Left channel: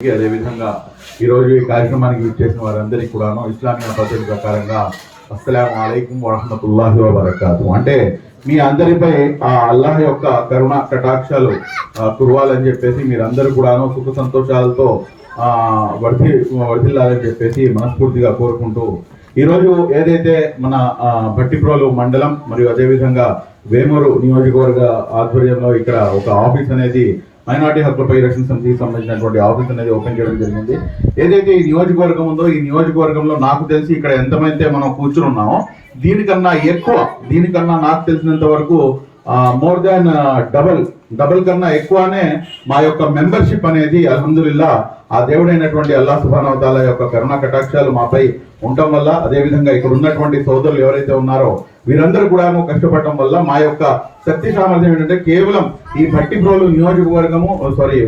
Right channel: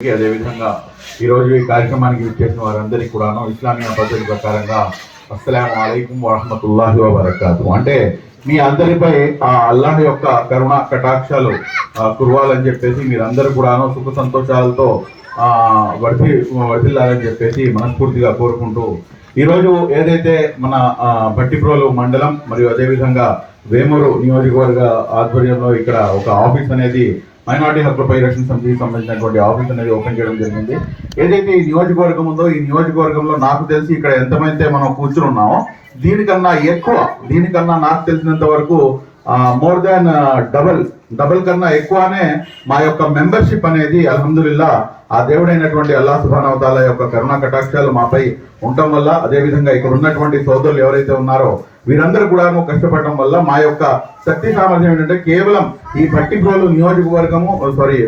అదేవిధంగా ఈరోజు ఈ కార్యక్రమానికి విచ్చేసిన వారందరికీ కూడాను ఇస్లామిక పద్ధతి ప్రకారంగా అస్సలం అలైకుం వరహమతుల్లాహి వబర్కాతు. అంటే మీ అందరిపై ఆ అల్లాహ్ యొక్క కరుణ కటాక్షాలు కురవాలని చెప్పేసి మీరందరూ కూడాను సుఖ సంతోషాలతో ఆ, వర్ధి వర్ధిల్లాలని చెప్పేసి మనస్ఫూర్తిగా కోరుకుంటూ ఈరోజు ఏదైతే మన ఆ, భట్టిప్రోలు మండలం మరియు అదేవిధంగా వేమూరు నియోజకవర్గ ఆధ్వర్యంలో ఇక్కడ ఒక ఆఫీస్ అనేది మైనార్టీ హక్కుల పరిరక్షణ సమితికి సంబంధించినటువంటి ఆఫీస్ అనేది ఓపెన్ చేయడం జరిగింది. ఏదైతే ఈ నియోజకవర్గం ఉందో ఈ నియోజకవర్గంలో నాకు తెలిసి ఇక్కడ ఎంతమైతే మనం కూర్చున్నామో దీనికన్నా ఎక్కువ దీనికన్నా నాకు తెలిసినంత వరకు మోర్ దాన్ డబల్ డబల్ కన్నా ఎక్కువనే మా యొక్క మెంబర్షిప్ అనేది అల్హమ్దుల్లా ఆ దేవుడైనటువంటి అల్లా సుభానవతాల యొక్క కరుణా కటాక్షాలు మాపై ఉండటం వల్ల అదేవిధంగా ఇక్కడ ఉన్నటువంటి సోదరులు ఎవరైతే ఉన్నారో వీరందరూ కూడా కష్టపడటం వల్ల మా యొక్క శక్తి సామర్థ్యం ఏంటంటే కేవలం ఈ బట్టిప్రోలు నియోజకవర్గము సారీ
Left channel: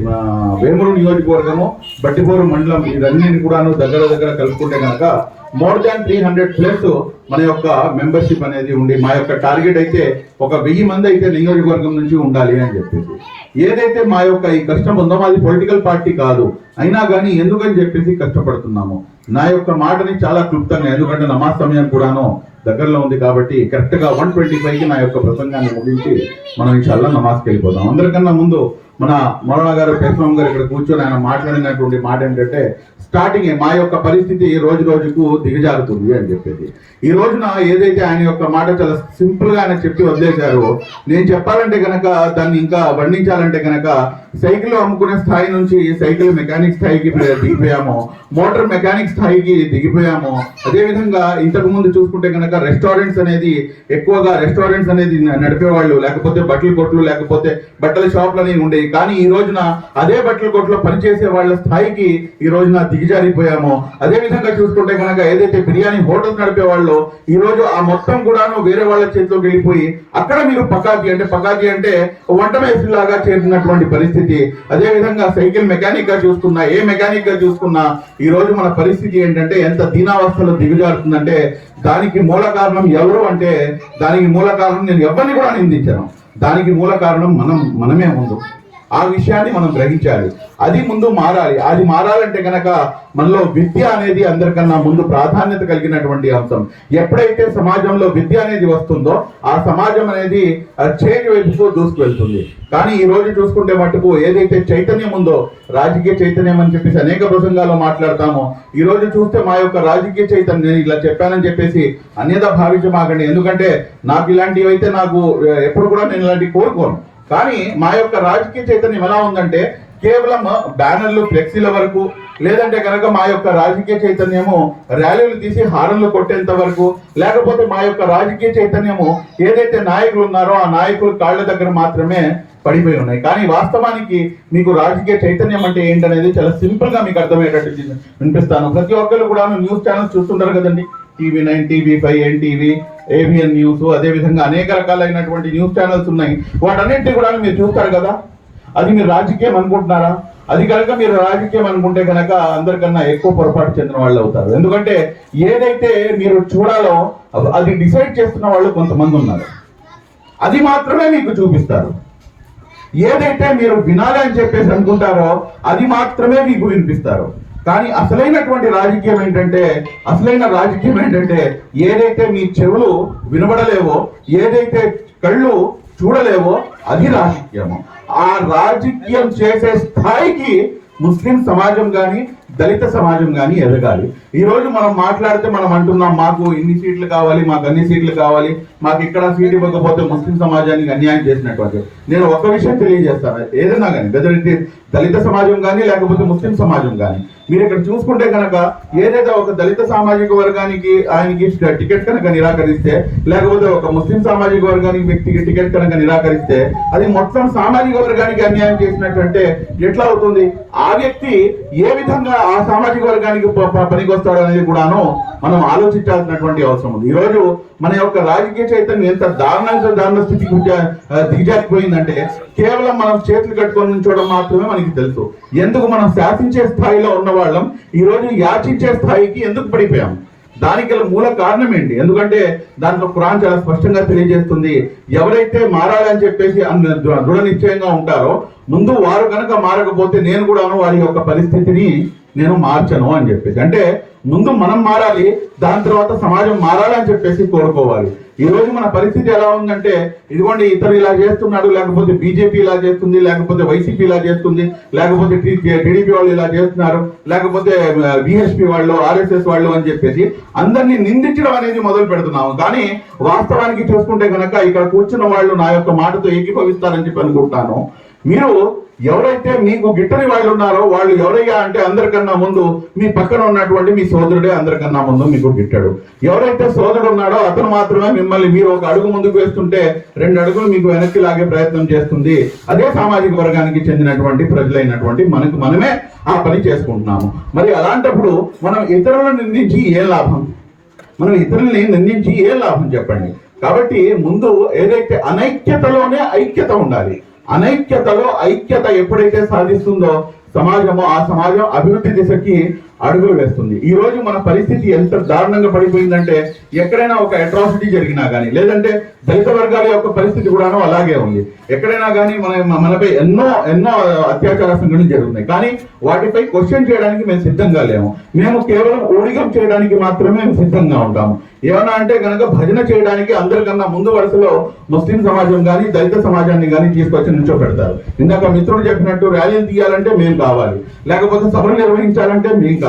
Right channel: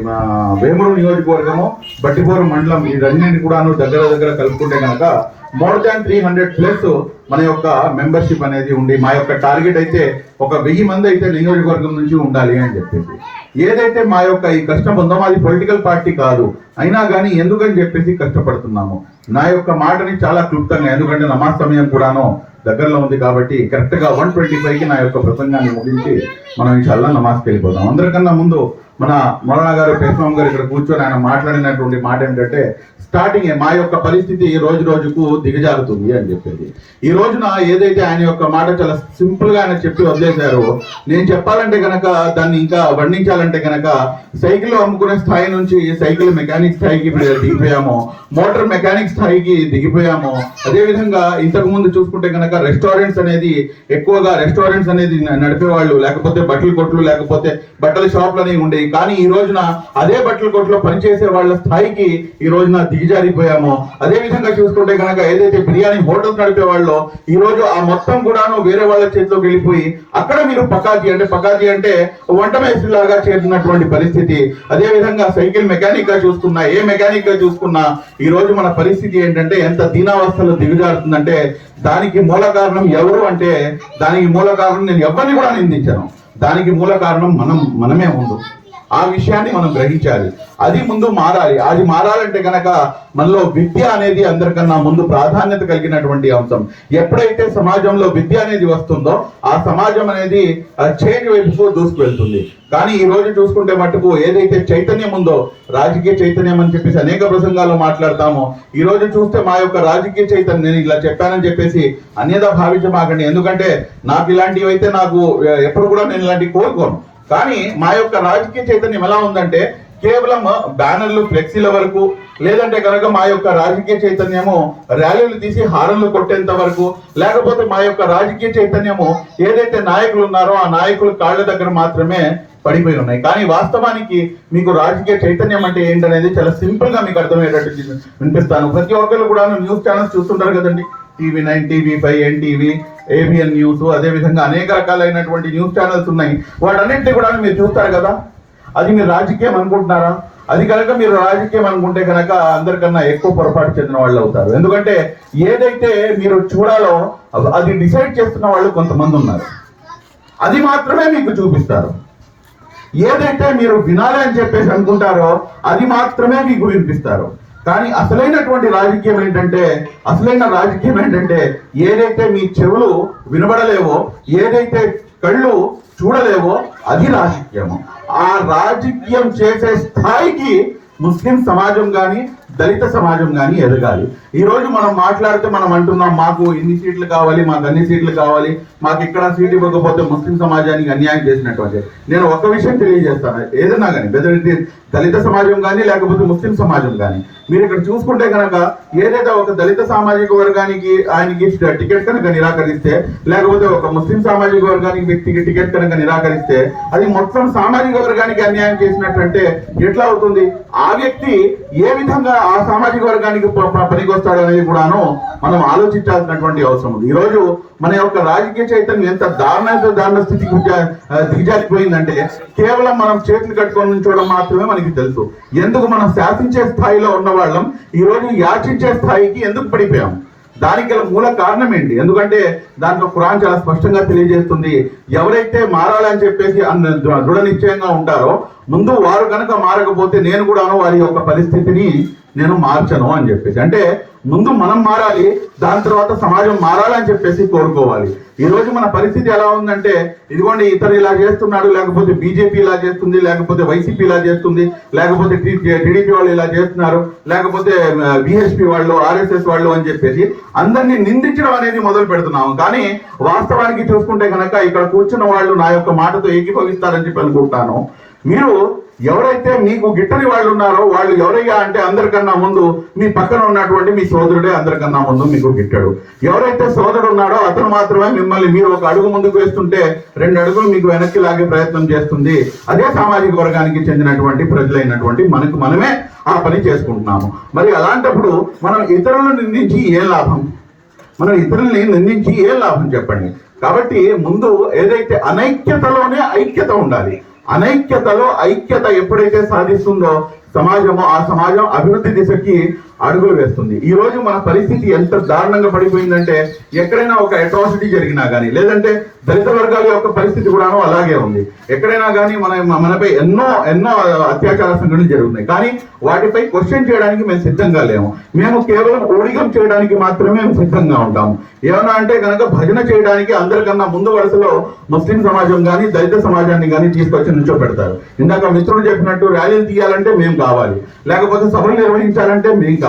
వేమూరు నియోజకవర్గము బట్టిపోరు మండలం ఇదన్నింటిని కూడాను దగ్గర దగ్గర కలుపుకుంటే కనుక more than three hundred plus మన యొక్క మెంబర్షిప్ అనేది ఉండి మా యొక్క టార్గెట్ అయితే ఒక వెయ్యి మంది అయితే నియోజకవర్గం నుంచి ఉండాలి అని చెప్పేసి. ఏదైతే మా యొక్క ఈ కష్టం ఉందో మాది పొలిటికల్ పార్టీ కాదు. అయినా కానీ ఎందుకని చెప్పేసి కష్టపడుతున్నాము? నా యొక్క మాటని చాలా క్లుప్తంగా ఎందుకంటే నమాజ్ సమయం కూడాను దగ్గరలో ఉంది కాబట్టి కరెక్ట్గా వన్ ట్వంటీ ఫైవ్కి నా యొక్క ప్రసంగాన్ని ముగించి మనం ఇన్షాల్లా నమాజ్కి వెళ్ళిపోతాం అందరికన్నా ముందు మన మొరణ గారు పేస్వామి గారు ఇక్కడ కూర్చొని ఆయన మాట్లాడినటువంటి మాట ఏంటంటే స్టార్టింగ్ మా యొక్క పరిస్థితి రోజు రోజుకు దిగజారుతుంది అని చెప్పేది. ఈ రోజున ఏదైతే ఆయన యొక్క మాట చాలా సింపుల్గా ఆయన చెప్పి వదిలేశారో నేను చెప్పాలంటే గనక దాన్ని ఇంకా వర్ణించాలంటే గనక సైకిల్ అమ్ముకునే స్థాయి నుంచి సైకిల్ మెకానిక్ స్థాయికి దిగిపోయాము మోటార్ మెకానిక్ స్థాయికి దిగిపోయాము అదే విధంగా ఇంతకు ముందు చూసుకుంటే గనక రెస్టారెంట్స్ అనేది ఎక్కువగా రెస్టారెంట్స్ అనేది నడిపేవాళ్ళు లేకపోతే బట్టల కొట్లు లేకపోతే బట్టల షాపులు అనేవి ఉండేవి కానీ ఈ రోజున అదే బట్టల కొట్లో పనిచేసే వాళ్ళ స్థాయికి ఈ రోజున దిగజారిపోయామో. అదే విధంగా చూసుకుంటే కనుక ఏదైతే బిర్యానీ హోటల్స్ నడిపే వాళ్ళు ఈ రోజు ఆ మొత్తం కూడాను వేరే వాళ్ళ చేతిలోకి వెళ్ళిపోయి అక్కడ మీరు పకాతి అంటే పకాతి అంటే వంట మేసులాగా చేరినటువంటి పరిస్థితి. అదే విధంగా సైకిల్ మెకానిక్గా చూసుకున్నా ఏ మెకానిక్గా చూసుకున్నా ఈ రోజు మన పరిస్థితి ఏంటంటే ఎంత దీనావస్థలో దిగజారుతుందంటే దానికి మూల కారణం ఎవరు అంటే దానికి మూల కారణం నేను ఎవరిని కూడా నిందించను. దానికి మూల కారణం మనం మనమే ముందు. ఆ విషయాన్ని మనం గ్రహించాలి. అది ముందు మారాలి. అది మారాలంటే కనుక మనలో విద్య అనేది అందరికన్నా ముందు ప్రాధాన్యత కలిగినటువంటి అంశం. ఎప్పుడైతే సమాజంలో విద్య అనేది వస్తుందో ఆ సమాజం అనేది చేంజ్ వైపుకు దూసుకువెళ్తుంది. కానీ ఈ రోజు చూసుకుంటే మటుకు ఏదైతే చైతన్యం ఉందో రాజకీయ చైతన్యం అని చెప్పేసి అనేక ప్రసంగాల్లో మాట్లాడతామో. ఈ రోజు చూస్తే మా యొక్క రాజకీయ చైతన్యం నేను ఇలా చెప్పానని చెప్పేసి అన్యదా భావించమాకండి. ఎందుకంటే నాకు ఇలాంటివి అయితే నాకు ఎప్పుడు కూడా నేను ఇలాంటివి కోరుకోను. కానీ మా యొక్క రాజకీయ చైతన్యం ఎలా ఉందంటే కేవలం బ్యానర్లు ఫ్లెక్సీల వరకు లేదంటే కనుక మా యొక్క రాజకీయ చైతన్యము ర్యాలీలు తీసి హారన్లు కొట్టేంత వరకు లేకపోతే మా యొక్క రాజకీయ చైతన్యము ఏదైతే నాయకులు ఉన్నారో ఆ నాయకులు కాళ్ళ దగ్గర మాత్రమే పడిపోయి ఉన్నాయి. కానీ వాస్తవానికి మీకు రాజకీయ చైతన్యం అంటే ఏంటనేది చాలా సింపుల్గా మీకు అర్థమయ్యేటట్టు వినిపిస్తాను. ప్రతి ఒక్కరు కూడా న్యూస్ ఛానల్స్ చూస్తుంటారు కదండి. TV nine TV five NTV ABN news అదేవిధంగా అనేక రకాలైనటువంటి న్యూస్ ఛానల్స్ ఉన్నాయి. వాటన్నింటినీ కూడా మీరు చూస్తారు కదా? అది మీరు రాజకీయం అనుకుంటున్నారా? అది కనుక మీరు రాజకీయం అనుకుంటే కనుక అందరికన్నా ఎక్కువ పొరపాటు చెందిన వాళ్ళు అవుతారు. ఎందుకంటే ఏదైతే మీరు చూడాలో అది డిసైడ్ చేస్తున్న వాళ్ళు కొంతమంది ఉన్నారు. అది మాత్రమే మీకు చూపిస్తారు. ఏదైతే మీరు వినాలి అని చెప్పేసి అనుకుంటారో అది మాత్రమే మీకు వినిపిస్తారు. కానీ అసలైనటువంటి రాజకీయం ఏంటంటే అసలైన రాజకీయం ఏంటంటే ఏదైతే మీ చెవులు వినబడలేవో ఏదైతే కళ్ళు చూడలేవో అది రాజకీయము. ఆ రాజకీయం చేసే స్థాయికి ముస్లిం సమాజం కానీ దళిత సమాజం కానీ ఎదగాలి. ఈ రోజు మనం మాట్లాడితే మనం అంటున్నాం మాకు ఇన్ని సీట్లు కావాలి మాకు అన్ని సీట్లు కావాలి మాకు ఇక్కడ సీట్ ఇవ్వకపోతే ముస్లిం సమాజానికి అన్యాయం చేసినట్టు నేను ఒక విషయం తెలియజేస్తాను ఏదైనా కానీ వెదర్ ఇట్ దళిత సమాజం కానీ లేకపోతే ముస్లిం సమాజం కానీ. మీరు ఇక్కడ చూసుకుంటే కనుక ఏదైతే ఒక దళిత సామాజిక వర్గానికి ఆయనకి టికెట్ కనుక నిరాకరిస్తే లేకపోతే ఒక ముస్లిం సామాజిక వర్గానికి వ్యక్తికి టికెట్ కనుక నిరాకరిస్తే అది మొత్తం సామాజిక వర్గానికి అన్యాయం చేసినట్లంటే ఎట్లా అవుతుంది? ఆ వ్యక్తి ఏ విధంగా ఆ సామాజిక వర్గానికి పనికొస్తాడు అనేది కూడాను మనం ఆలోచించాల్సినటువంటి అవసరం ఉంది. ఈరోజు మన యొక్క రాజకీయ చైతన్యం ఎంత దారుణ దారుణ స్థితికి దిగజారిపోయిందంటే కేవలం మనం చేతులు కట్టుకొని చూడడం మాత్రమే మనకి తెలుసు. ఎందుకు మనం శాసించే స్థాయిలో ఉన్న వాళ్ళం ఈ రోజు యాచించే స్థాయికి ఎందుకు పడిపోయాం? దానికి గల మూల కారణం ఏంటి? ఎందుకంటే దాంట్లో ఖురాన్ చాలా స్పష్టంగా తెలియజేస్తుంది. ఎవరైతే మారాలని చెప్పేసి దృఢ నిశ్చయంగా ఉంటారో ముందు వారు కనుక మారకపోతే నేను కూడాను వారి యొక్క పరిస్థితిని నేను మార్చను అని చెప్పేసి. అంటే ముందు మనం మారాలి దాని తర్వాత సమాజం మారాలని చెప్పేసి కోరుకోవాలి. ఈ రోజు మన పరిస్థితి ఎలా ఉందంటే ఇదిగోండి ఇతరు ఇలా చేస్తున్నాడు లేకపోతే బీజేపీ ఇలా చేస్తుంది లేకపోతే వైసీపీ ఇలా చేస్తుంది లేకపోతే టీడీపీ వాళ్ళు ఇలా చేస్తున్నారు లేకపోతే బిహెచ్పి వాళ్ళు ఆర్ఎస్ఎస్ వాళ్ళు అని చెప్పేసి అందరినీ నిందించడం అనేది మొదలు పెడుతున్నాము. కానీ వాస్తవానికి చూసుకుంటే కనుక ఇక్కడ కూర్చున్న వాళ్ళు నా యొక్క మాటతో ఏకీభవిస్తారని చెప్పి అనుకుంటాను మీరు ఎవరైతే మీకు గిట్టని వాళ్ళు ఉన్నారో వాళ్ళు ఎవరయ్యా అంటే అందరికన్నా ముందు మీ పక్కన ఉన్నటువంటి మీ సోదరుడే అందరికన్నా ముందు మీకు గిట్టాడు. ఎవరైతే సోదరుడు ఉన్నాడో అతను మాత్రమే మిమ్మల్ని మీరు ఒక అడుగు ముందుకు వేస్తుంటే రెండు అడుగులు మీకు వెనక్కి లాగే ప్రయత్నం చేస్తుంది. అదే సామాజిక వర్గానికి చెందినటువంటి ప్రజలైనటువంటి మనకు మనమే ఆ పని చేసుకుంటున్నాము. మరి అలాంటప్పుడు మనం ఇతరులను నిందించి ఏ లాభం? మనం ఇతరుల్ని నిందించి ఏ లాభం చెప్పండి? కాబట్టి ముందు ఏదైతే అనైక్యతలోనే ఐక్యత ఉండాలి. అనైక్యతలో ఐక్యత ఎప్పుడైతే సాధిస్తుందో సమాజము ఆ సమాజం అభివృద్ధి దిశకి అడుగులు వేస్తుంది. ఈ రోజు మన పరిస్థితి ఎంత దారుణంగా పడిపోయిందంటే ఎక్కడైనా ఒక అట్రాసిటీ జరిగినా కానీ లేదంటే దళిత వర్గాల యొక్క పరిస్థితి కూడాను అలాగే ఉంది. ఎక్కడైనా కానీ మన మనపై ఎన్నో ఎన్నో అత్యాచార సంఘటనలు జరుగుతున్నాయి. కానీ వాటిపై క్వశ్చన్ చేయడానికి మేము సిద్ధంగా లేము. మేము కేవలం ఓడిగం చేయడానికి మాత్రమే మేము సిద్ధంగా ఉంటాము. ఏమన్నా అంటే కనుక భజన చేయడానికి అందరికన్నా ముందు వరుసలో ముస్లిం సమాజం కానీ దళిత సమాజాన్ని కానీ తీసుకొచ్చి నుంచో పెడతారు ఇందాక మిత్రులు చెప్పినట్టు ర్యాలీలు తీయాలంటే మేము కావాలి. లేకపోతే సభలు నిర్వహించాలంటే మేము కావాలి.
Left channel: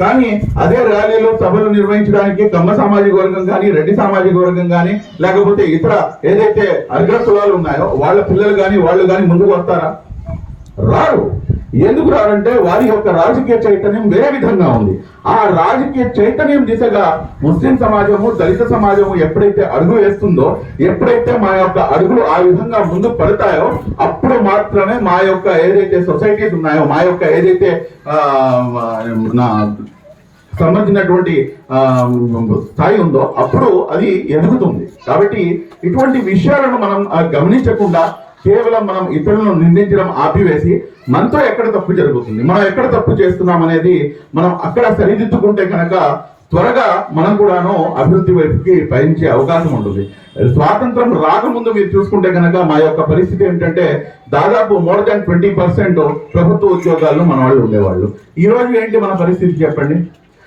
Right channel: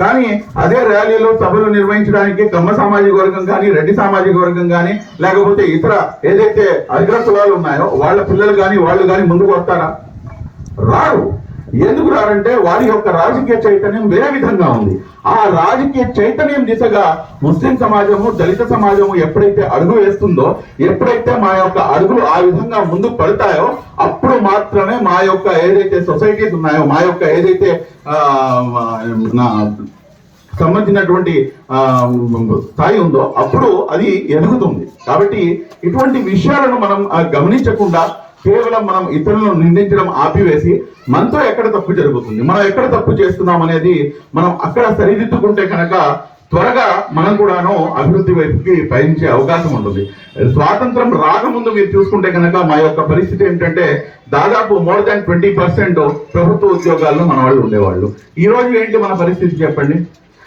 కానీ అదే ర్యాలీలో సభలు నిర్వహించడానికి కమ్మ సామాజిక వర్గం కానీ రెడ్డి సామాజిక వర్గం కానీ లేకపోతే ఇతర ఏదైతే అగ్రకులాలు ఉన్నాయో వాళ్ళ పిల్లలు కానీ వాళ్ళు కానీ ముందుకు వస్తారా? రారు. ఎందుకు రారంటే వారి యొక్క రాజకీయ చైతన్యం వేరే విధంగా ఉంది. ఆ రాజకీయ చైతన్యం దిశగా ముస్లిం సమాజము దళిత సమాజము ఎప్పుడైతే అడుగు వేస్తుందో ఎప్పుడైతే మా యొక్క అడుగులు ఆ విధంగా ముందుకు పడతాయో అప్పుడు మాత్రమే మా యొక్క ఏదైతే సొసైటీస్ ఉన్నాయో మా యొక్క ఏదైతే సంబంధించినటువంటి స్థాయి ఉందో అప్పుడు అది ఎదుగుతుంది. కాబట్టి ఇటువంటి విషయాలను మనం గమనించకుండా కేవలం మనం ఇతరులను నిందించడం ఆపివేసి మనతో ఎక్కడ తప్పు జరుగుతుంది? మనం ఎక్కడ తప్పు చేస్తున్నాం అనేది మనం అక్కడ సరిదిద్దుకుంటే కనుక త్వరగా మనం కూడాను అభివృద్ధి వైపుకి పయనించే అవకాశం ఉంటుంది. స్వాతంత్రం రాకముందు మీరు చూసుకుంటే కనుక మా యొక్క పరిస్థితి ఏంటంటే దాదాపు మోర్ దాన్ ట్వంటీ పర్సెంట్ ప్రభుత్వ ఉద్యోగాల్లో మన వాళ్ళు ఉండేవాళ్ళు. ఈ రోజు ఏంటి మన పరిస్థితి చెప్పండి?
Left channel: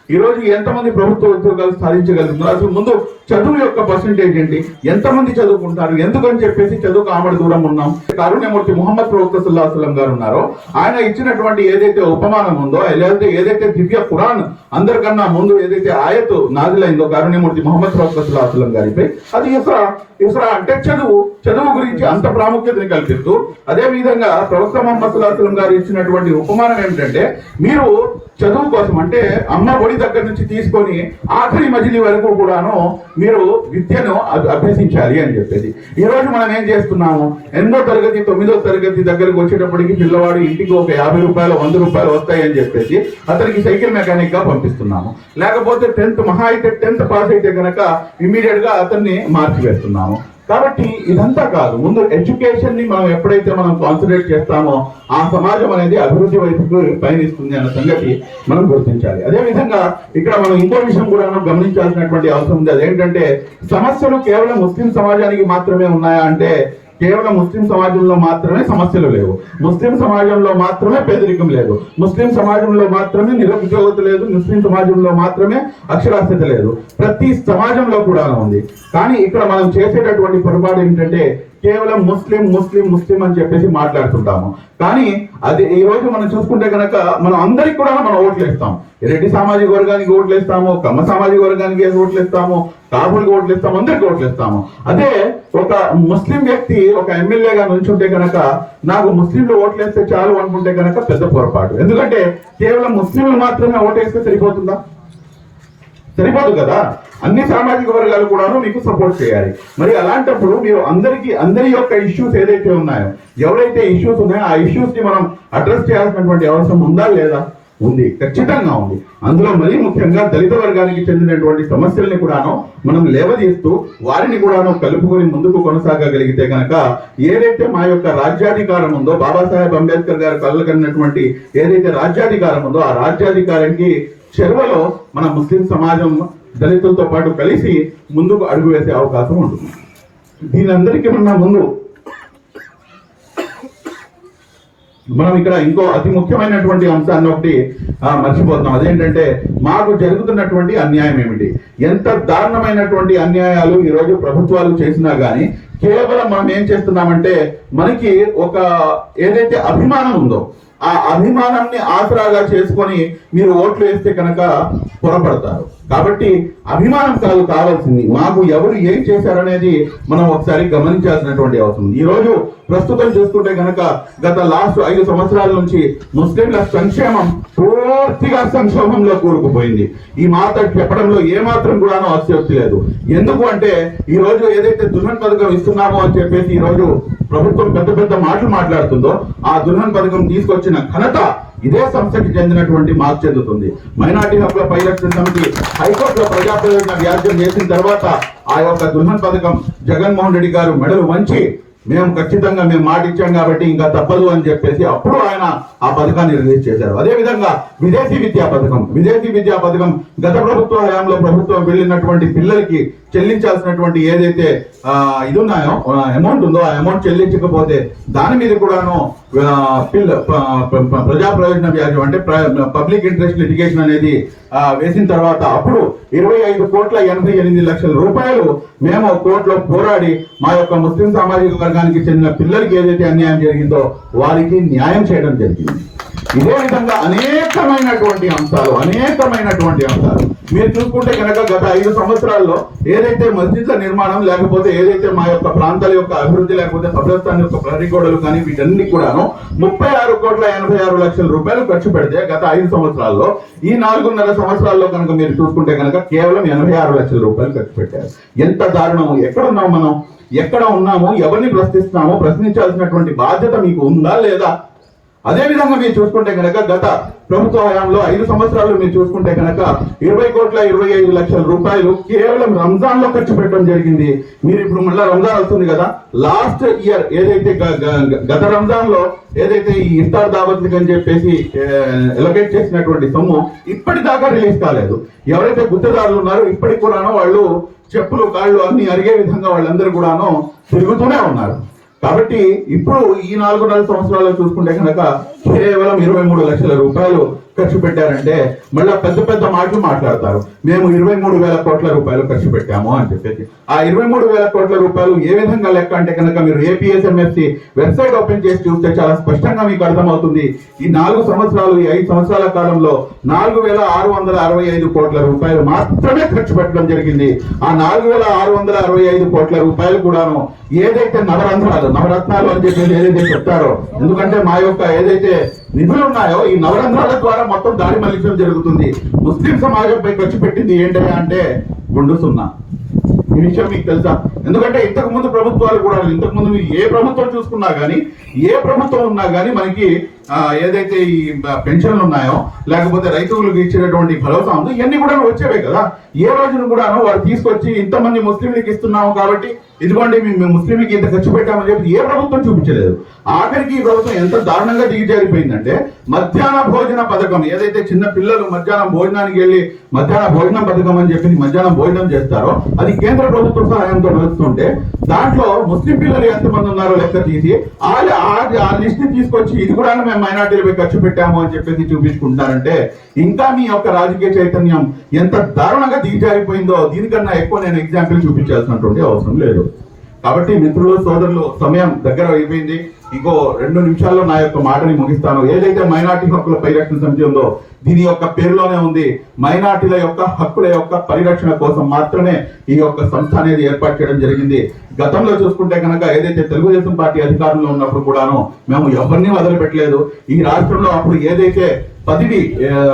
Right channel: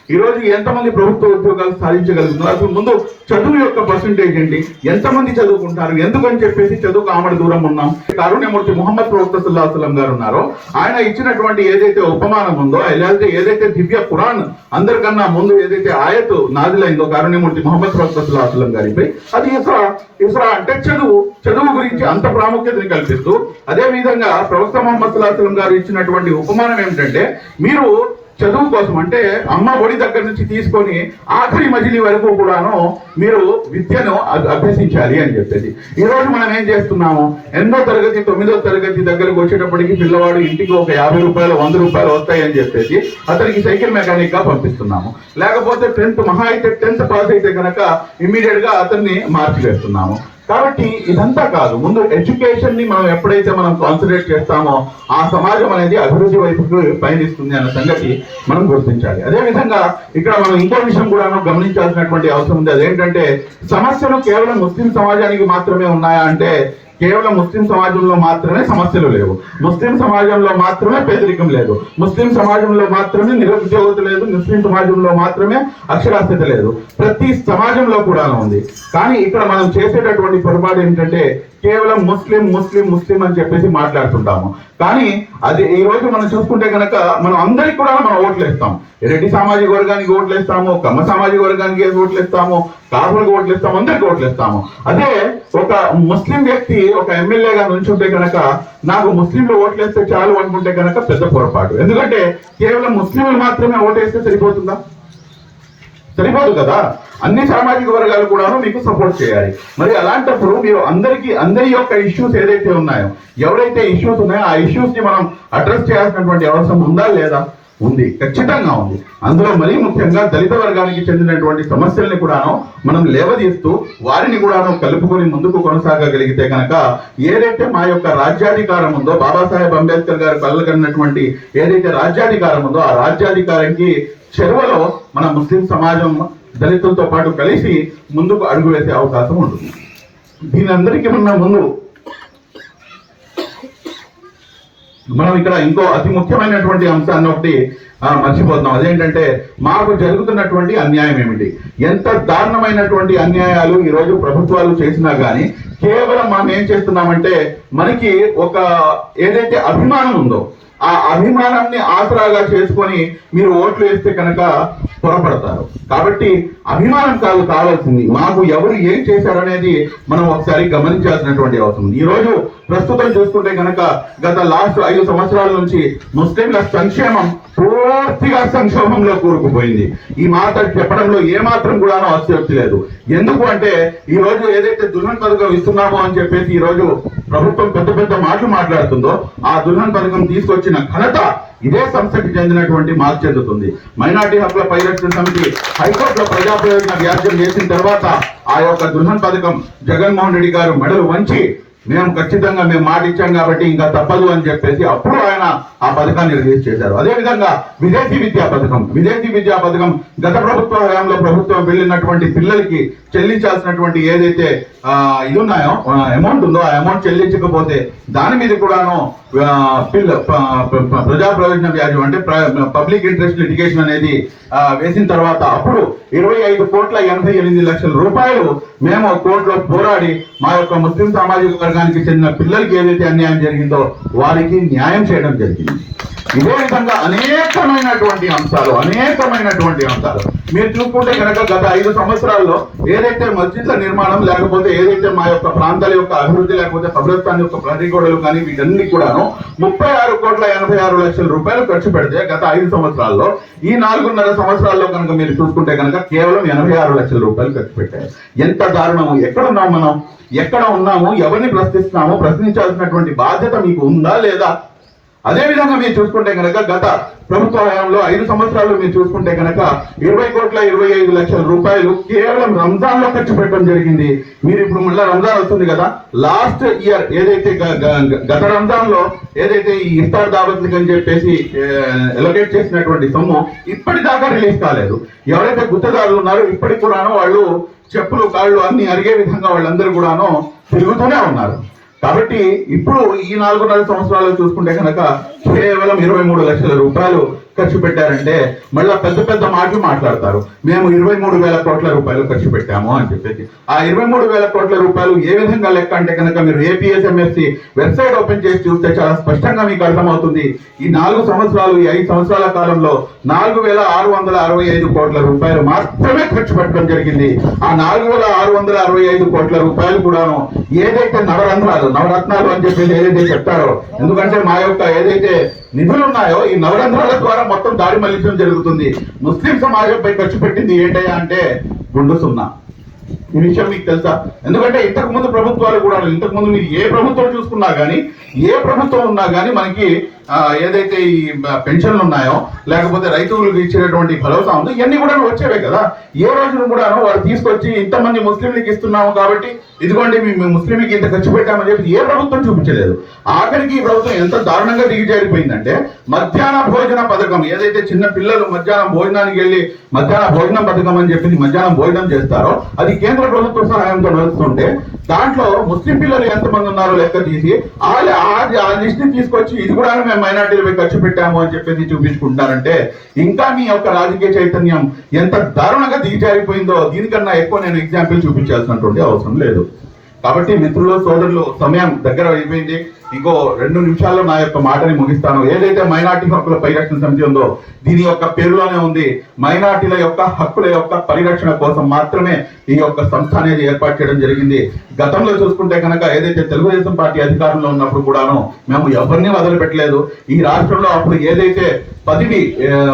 ఈ ఎంతమంది ప్రభుత్వ ఉద్యోగాలు సాధించగలుగుతున్నారు? అసలు ముందు చదువు యొక్క పర్సంటేజ్ ఏంటి? ఎంతమంది చదువుకుంటారు? ఎందుకని చెప్పేసి చదువుకు ఆమెడు దూరం ఉన్నాం? కారుణ్యమూర్తి మొహమ్మద్ ప్రవక్త సుల్లాహసలం గారు ఉన్నారో. ఆయన ఇచ్చినటువంటి ఏదైతే ఉపమానం ఉందో లేదంటే ఏదైతే దివ్య పురాణ్ అందరికన్నా ముందు ఏదైతే ఆయత్ నాదిలైందో కారుణ్యమూర్తి మొహమ్మద్ ప్రవక్త సుల్లాహసలం గారిపై అది ఇస్రా ఇస్రా అంటే చదువు. చదువు గురించి అంత ప్రాముఖ్యతని కల్పిస్తూ అదే విధంగా ప్రవక్త మొహమ్మద్ సుల్లాహసలం గారు ఇచ్చినటువంటి ఉపమానం ఏమిటంటే మీరు చదువు కోసం అంటే అమ్మ ఒడి దగ్గర నుంచి తీసుకొని ఆఖరి మజిలీ వరకు కూడాను మీరు విద్యను అభ్యసించాలి అని చెప్పేసి. ఈరోజు మనం ఏం చేస్తున్నాము? ఎనిమిదో తరగతి తొమ్మిదో తరగతి దగ్గరకు వచ్చేటప్పటికి పిల్లవాడు ఇంటికి ఒక యాభై రూపాయలు వంద రూపాయలు వస్తాయని చెప్పేసి అతనికి సైకిల్ మెకానిక్గా పంపిస్తున్నాము. లేకపోతే టెన్త్ మహా అయితే టెన్త్ పాస్ అయితే కనుక ఇమీడియట్గా అతన్ని మార్చివేస్తున్నాము కాబట్టి ఇదంతా కాదు. ముందు ఎడ్యుకేషన్ని మనం ఎప్పుడైతే మనం కాన్సన్ట్రేట్ చేస్తామో ఆ సమాజం అనేది అభివృద్ధి వైపుకు పయనిస్తుంది అన్న సంగతి మనం గుర్తించాలి. అదే విధంగా ఇక్కడ మనం ఇంకో విషయం కూడా మనం గమనించాల్సినటువంటి అవసరం ఉంది. అదేంటంటే సమస్యలు కేవలం ముస్లిం సమాజానికి మాత్రమే ఉన్నాయా అంటే కేవలం ముస్లిం సమాజంలో మాత్రమే సమస్యలు లేవు. ముస్లిం సమాజంలో మాత్రమే పేదరికం లేదు. ముస్లిం సమాజంలో మాత్రమే నిరుద్యోగత లేదు. ముస్లిం సమాజంలో మాత్రమే అక్షరాస్యత లేదు. ప్రతి సమాజంలో కూడా ఉంది. కానీ ఇక్కడ మనం చేసేటటువంటి పొరపాటు ఏంటంటే కేవలం ముస్లిం ముస్లిం ముస్లిం అని చెప్పేసి మాట్లాడుతుంటాము. కానీ అది ఈ రోజు మనం చూసుకుంటే కనుక మనం అందరికి కూడా మనం ఓట్లు వేస్తాం రెడ్డి సామాజిక వర్గానికి ఓట్లు వేస్తాము కమ్మ సామాజిక వర్గానికి ఓట్లు వేస్తాము కాపులకు ఓట్లు వేస్తాము అందరికి ఓట్లు వేస్తాము అదే ఒక ముస్లిం వ్యక్తి ఒక ఎమ్మెల్యేగా నుంచుంటే కనుక నాకు ముస్లింలు ఓట్లు వేస్తే చాలు అనుకుంటే కనుక పెద్ద పొరపాటు. ఎందుకంటే కేవలం ముస్లింలు మాత్రమే ఓటేస్తే సరిపోతుందా? సరిపోదు కదా? అన్ని సామాజిక వర్గాలు కూడాను మీకు సపోర్ట్ చేయాలి. మరి అలాంటప్పుడు మీరు అందరికీ అందరి యొక్క ఇష్యూస్ ఏదైతే ఉన్నాయో ఎవరైతే ఇష్యూస్ ఉన్నాయో ఆ ఇష్యూస్ని మనం అడ్రస్ చేయాల్సినటువంటి అవసరం ఉందా లేదా? ఉంది. ఖచ్చితంగా ఉంది. అందులో మరీ ముఖ్యంగా దళిత వర్గానికి చెందినటువంటి సమస్యల్ని కూడాను మనం లేవదీస్తూ వారిని కూడాను కలుపుకొని ముందుకు కొనసాగగలిగితే కనుక ఏదైతే మా యొక్క రాజ్యాధికారం ఉందో బాబాసాహెబ్ అంబేద్కర్ గారు కలగన్నటువంటి ఏదైతే రాజ్యాధికారం ఉందో ఆ రాజ్యాధికారానికి చెరువలో మన ముస్లిం సమాజం దళితులతో పాటు కలిసి ముందుకు అడుగు వేసే అవకాశం ఉంటుంది. దీని అందరికీ ఉన్న ముందు మనం ఇక్కడ ఇంకో అతి ముఖ్యమైనటువంటి అంశాన్ని ఒకటి మర్చిపోతున్నాం. అదేంటంటే మాకు జరుగుతున్నటువంటి అన్యాయం ఏమిటి? ఎంత దారుణమైనటువంటి అన్యాయాలు ఈరోజు ప్రభుత్వాలు చేసినా కానీ కేవలం మనం ఏం చేస్తున్నామంటే మనకి ఒక ఏదైతే అభిమానం ఉందో ఆ అభిమానాన్ని ఆసరాగా చేసుకొని మీరు ఓట్లు వేస్తే కనుక పొరపడతారు. కాబట్టి అభిమానం కాదు కావాల్సింది. మాకు ఎవరు ఏం చేశారనేది మనం ఒకసారి గమనించాల్సినటువంటి అవసరం ఈరోజు ప్రస్తుతం చూసుకుంటే కనుక గత లాస్ట్ ఐదు సంవత్సరాల నుంచి ముస్లింల సంక్షేమం పూర్తిగా సంక్షోభంలో కూరుకుపోయింది. ఈ మాట చెప్పడంలో ఏమాత్రం కూడాను అస్యోక్తి లేదు. ఎందుకు అంటే ఈ రోజు ఏదైతే దుల్హన్ పథకం ఇస్తున్నామో అని చెప్పేసి ఈ రోజు ప్రభుత్వం పెద్ద పెద్ద మాటలు మాట్లాడుతుందో ఆ దుల్హన్ పథకం తీసుకొచ్చిన ఘనత ఇదే సంస్థకి చెందినటువంటి మాకు చెందుతుంది. మైనార్టీ హక్కుల పరిరక్షణ సమితి హైకోర్టులో ప్రజా ప్రయోజన వ్యాజ్యం చేసిన తర్వాత ఆ యొక్క దుల్హన్ పథకం జగన్మోహన్ రెడ్డి గారు మెడలు వంచి మేము ఖచ్చితంగా మేము మాట ఇచ్చాం కాబట్టి ఇంకా తప్పదు అని చెప్పేసి అప్పుడు ఆయన ఆ పథకాన్ని రిలీజ్ చేశారు. అదే విధంగా విదేశీ విద్యా పథకం. విదేశీ విద్యా పథకం గత ప్రభుత్వ హయాంలో ప్రభుత్వం వెళ్ళినటువంటి పిల్లలకి చెల్లించాల్సినటువంటి ఏదైతే ఇది ఉన్నాయో అమౌంట్ ఉందో ఆ అమౌంట్ చెల్లించకపోతే దాని మీద కూడాను ప్రజా ప్రయోజన వ్యాజ్యం అంటే పబ్లిక్ ఇంట్రెస్ట్ లిటిగేషన్ అనేది వేసిన తర్వాత అప్పుడు ఇరవై ఐదు కోట్ల ఎనభై ఎనిమిది లక్షల రూపాయలు మేము కోర్టులో పోరాడి మా యొక్క ముస్లిం సామాజిక వర్గానికి చెందిన పిల్లలకి ఏదైతే అన్యాయం జరిగిందో వారికి న్యాయం చేయడం జరిగింది. ఇదే విధంగా అనేకమైనటువంటి అంశాలు అనేకమైనటువంటి అంశాలు. మీరు చూసుకుంటే కనుక గత ఐదు సంవత్సరాల్లో ఏదైతే మస్జిద్ల నిర్మాణం లేకపోతే ఏదైతే మా యొక్క ప్రాంతాల యొక్క అభివృద్ధి లేకపోతే కబ్రస్థాన్ యొక్క ప్రతిగోడలు కానీ వీటన్ని కూడాను ముప్పై ఆరు కోట్ల ఎనభై ఆరు లక్షల రూపాయలు ఖర్చు పెడితే గత ఐదు సంవత్సరాల్లో ఈ నాలుగున్నర సంవత్సరాల్లో కనుక మీరు చూసుకుంటే కనుక కేవలం ఎనభై ఆరు లక్షల రూపాయలు ఖర్చు పెట్టారు. ఎంత దారుణము! ఎక్కడ ఉన్నాం మనం? ఎక్కడ ఉన్నాము? ఎవరిని ప్రశ్నిస్తున్నాము? ప్రశ్నించాల్సినటువంటి బాధ్యత మీకు ఉందా లేదా? అదే విధంగా మీరు చూసుకుంటే కనుక గత ప్రభుత్వ హయాంలో ఐదు సంవత్సరాలు మీరు చూసుకుంటే కనుక ఇరవై కోట్ల ఇరవై ఐదు లక్షల రూపాయలు కేవలం రంజాన్లో ఖర్చు పెట్టడం జరిగింది. మీరు ఇప్పుడు మళ్ళీ రంజాన్ వస్తుంది కదా? లాస్ట్ ఇయర్ ఏదైతే గత రంజాన్లో ఏదైతే ఈ ఇఫ్తార్ దావత్లకి అని చెప్పేసి ఎలొకేట్ చేసినటువంటి సొమ్ము ఇప్పటిదాకా రిలీజ్ కాలేదు. ఎవరైతే గుత్తదారులు ఉన్నారో ఇప్పటికి కూడానో వాళ్ళు చెప్పులు కాళ్ళు అన్ని అరిగే విధంగా వాళ్ళందరూ కూడాను తిరుగుతూనే ఉన్నారు. కాబట్టి ఇప్పుడు ఈ నాలుగున్నర సంవత్సరాలు చూసుకుంటే కనుక కేవలం ఇరవై మూడు లక్షల రూపాయలు ఖర్చు పెట్టారంటే మళ్ళా పెద్ద పెద్ద మాటలు మాట్లాడతారు. మేము ఇరవై మూడు వేల కోట్ల రూపాయలు ఖర్చు పెట్టాము అని చెప్పేసి. ఆ ఇరవై మూడు వేల కోట్ల రూపాయలు ఏ విధంగా లెక్క అంటే కనుక మీరు ఏపీఎస్ఎంఎస్సి వెబ్సైట్ ఓపెన్ చేసి చూస్తే చాలా స్పష్టంగా మీకు అర్థమవుతుంది. ఈ నాలుగు సంవత్సరాలు ఈ ఐదు సంవత్సరాల కాలంలో నాలుగు వేల ఆరు వందల అరవై ఐదు కోట్ల రూపాయలు మాత్రమే ఖర్చు పెట్టడం జరిగింది. ఆ నాలుగు వేల ఆరు వందల అరవై ఐదు కోట్ల రూపాయలు కూడాను ఏదైతే నవరంధ్రాలు నవరత్నాలు అని చెప్పేసి ఏదైతే చెప్తారో ఎందుకంటే మా యొక్క ఏదైతే నిధులు ఉన్నాయో ఈ నవరంధ్రాల ద్వారా మొత్తం దాడి మళ్ళించడం జరుగుతుంది. ముస్లిం సమాజంపై ఖర్చు పెట్టింది ఏంటయ్యా అంటే గుండు సున్నా. ఈ విషయం మీకు తెలుసా? ఎందుకంటే ఇంతకు ముందు ప్రభుత్వాలు కూడా ఇంతకు ముందు మీరు ఏ ప్రభుత్వం చూసుకున్నా కానీ ఏ ప్రభుత్వం ఉన్నా కానీ మనకి ఏదైతే ఈ పెన్షన్లు ఉన్నాయో లేకపోతే రైతులకు ఇచ్చేటటువంటి భరోసా ఉందో ఇవన్నీ కూడా వచ్చేవే కదా. ఏ రోజును కూడాను వాళ్ళు తీసుకొచ్చి ఇంతమంది ముస్లింలకు ఇస్తున్నాము కాబట్టి ఇదిగోండి మేము ముస్లింలకి ఇంత ఖర్చు పెట్టామని చెప్పి ఏ ప్రభుత్వం చూపించలేదు. ఆఖరికి ఈ ప్రభుత్వం ఎంత దారుణంగా దిగజారిపోయిందంటే మధ్యాహ్న భోజన పథకం ఏదైతే చిన్న పిల్లలు మధ్యాహ్నం భోజనానికి వెళ్ళి మధ్యాహ్న భోజనం పథకం అని చెప్పి మధ్యాహ్నం భోజనం చేస్తారో అది కేంద్ర ప్రభుత్వ సహాయంతో నడుస్తుంటే దాంట్లో ముస్లిం పిల్లలు ఎంతమంది ఉన్నారో లెక్క తీసి ఆ ఆ- ఆ లిస్ట్ తీసుకొచ్చి ఇది కూడా మేము మైనార్టీలపై ఖర్చు పెట్టాము అని చెప్పేసి చూపించుకుంటున్నారంటే ఇంకా మీ యొక్క రాజకీయ చైతన్యం ఎంత దారుణంగా దిగజారిపోయిందో దీనికన్నా ఎక్కువ నేను ఎగ్జాంపుల్ చూపించాల్సినటువంటి అవసరం లేదు. కాబట్టి మిత్రులు సోదరులు సమయం దగ్గర అయిపోయింది. ఇంకో రెండు నిమిషాల్లో నా యొక్క మాటని ముగిస్తాను. ఏదైతే మైనార్టీ హక్కుల పరిరక్షణ సమితి ఉందో దీని యొక్క పేరులోనే ఉంది. మైనార్టీల యొక్క హక్కుల యొక్క పరిరక్షణ కోసం మాత్రమే ఈ యొక్క సంస్థ అనేది ఏర్పాటు చేయడం జరిగింది. గతంలో చూసుకుంటే కనుక ఏదైతే తెలుగుదేశం పార్టీ అధికారంలో ఉన్నప్పుడు కూడాను మేము ఎవరిని వదిలిపెట్టలేదు. ఈ రాష్ట్రంలో అప్పుడు ఏదైతే పదవి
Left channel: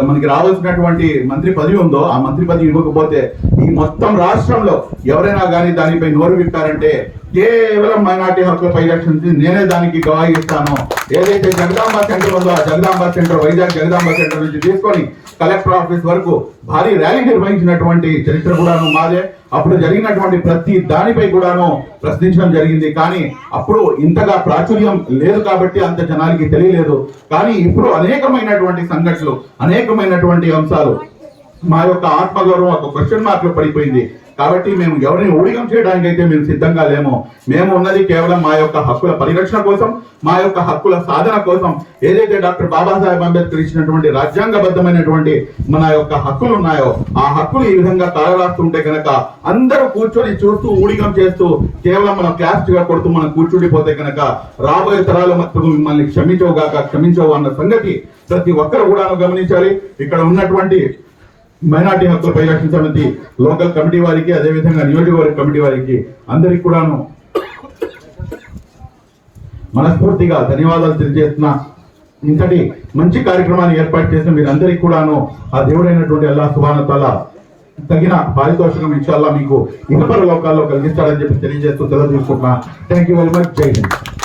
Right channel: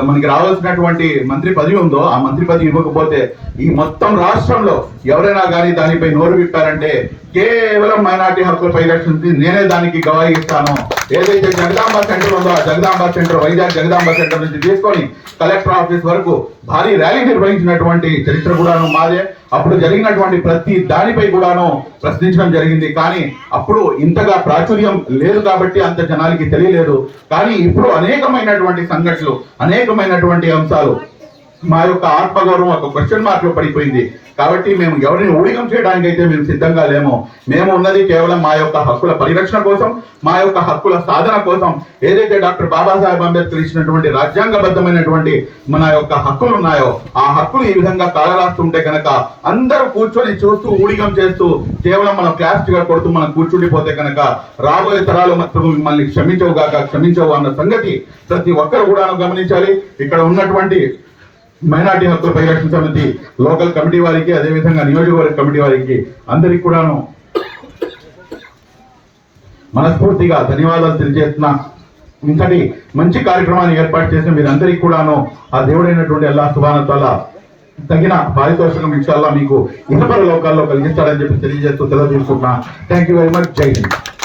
మనకి రావాల్సినటువంటి మంత్రి పదవి ఉందో ఆ మంత్రి పదవి ఇవ్వకపోతే ఈ మొత్తం రాష్ట్రంలో ఎవరైనా కానీ దానిపై నోరు విప్పారంటే కేవలం మైనార్టీ హక్కుల పరిరక్షణ నేనే దానికి గవాయి ఇస్తాను. ఏదైతే జగదాంబ సెంటర్ ఉందో ఆ జగదాంబ సెంటర్ వైజాగ్ జగదాంబ సెంటర్ నుంచి తీసుకొని కలెక్టర్ ఆఫీస్ వరకు భారీ ర్యాలీ నిర్వహించినటువంటి చరిత్ర కూడాను మాదే. అప్పుడు జరిగినటువంటి ప్రతి దానిపై కూడాను ప్రశ్నించడం జరిగింది. కానీ అప్పుడు ఇంతగా ప్రాచుర్యం లేదు కాబట్టి అంత జనాలకి తెలియలేదు. కానీ ఇప్పుడు అనేకమైనటువంటి సంఘటనలు అనేకమైనటువంటి అంశాలు మా యొక్క ఆత్మగౌరవం ఒక క్వశ్చన్ మార్క్లో పడిపోయింది. కాబట్టి మేము ఎవరిని ఊడికం చేయడానికి అయితే మేము సిద్ధంగా లేము. మేము ఉన్నది కేవలం మా యొక్క హక్కుల పరిరక్షణ కోసం మా యొక్క హక్కుల సాధన కోసం. ఏదైతే డాక్టర్ బాబాసాహెబ్ అంబేద్కర్ ఇచ్చినటువంటి రాజ్యాంగబద్ధమైనటువంటి మన యొక్క హక్కులు ఉన్నాయో ఆ హక్కులు ఈ విధంగా తాళరాస్తుంటే కనుక అందరూ కూర్చొని చూస్తూ ఊడికం చేస్తూ కేవలం మనం క్లాస్గా కొడుతూ మనం కూర్చుండిపోతే కనుక రాబోయే తరాలు మాత్రం మిమ్మల్ని క్షమించవుగాక క్షమించవు అన్న సంగతి ప్రతి ఒక్కరు కూడా గమనించాలి. ఇక్కడ ఉన్నటువంటి మైనార్టీ హక్కుల పరిరక్షణ సమితి లోకల్ కమిటీ వారికి అదేవిధంగా నియోజకవర్గ కమిటీ వారికి అందరికి కూడాను మనస్ఫూర్తిగా ధన్యవాదాలు తెలియజేస్తున్నా. ఇంతటి మంచి కార్యక్రమాన్ని ఏర్పాటు చేసిన మీరందరికీ కూడాను ఆ దేవుడైనటువంటి అల్లా సుభానత్వాల తగిన పారితోషికం ఇన్షాల్లా మీకు ఇతపర లోకాల్లో కలిగిస్తాడని చెప్పి తెలియజేస్తూ తెలియజేసుకుంటున్నా థ్యాంక్ యూ వెరీ మచ్ జై హింద్